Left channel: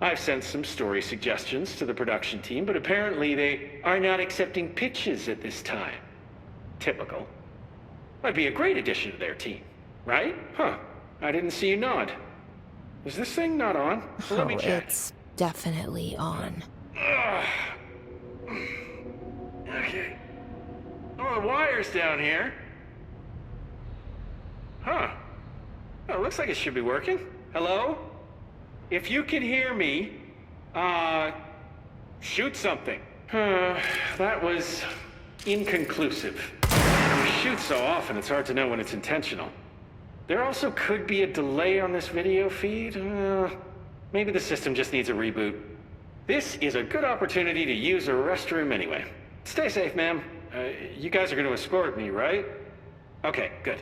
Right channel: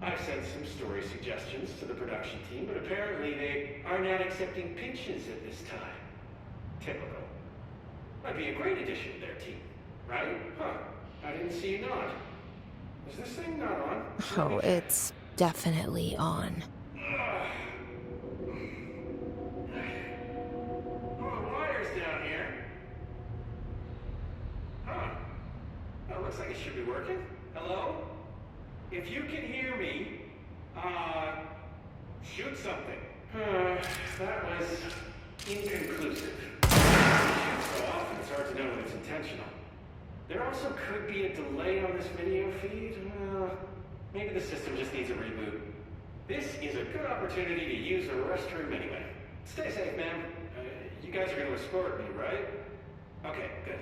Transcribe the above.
I've sent some story suggestions to the production team, but apparently they are not accepting pitches at this time. Typical. I'd be a great addition to their team, right? Huh. I didn't see you nod. Is this thing not on? Let me Oh, check. it's definitely on. Okay. Oh, the wire's down here. Huh. Oh, looks like it should be working. Hello? If you can hear me, shoot something. That was inconclusive. We shoot so often, it's hard to know when it's intentional. There also could be a delay on this video feed. Maybe the system just needs a reboot. This is a good opportunity to use a restroom anyway. Stay safe, ma'am. You guys are going to escort me, right? Okay, good.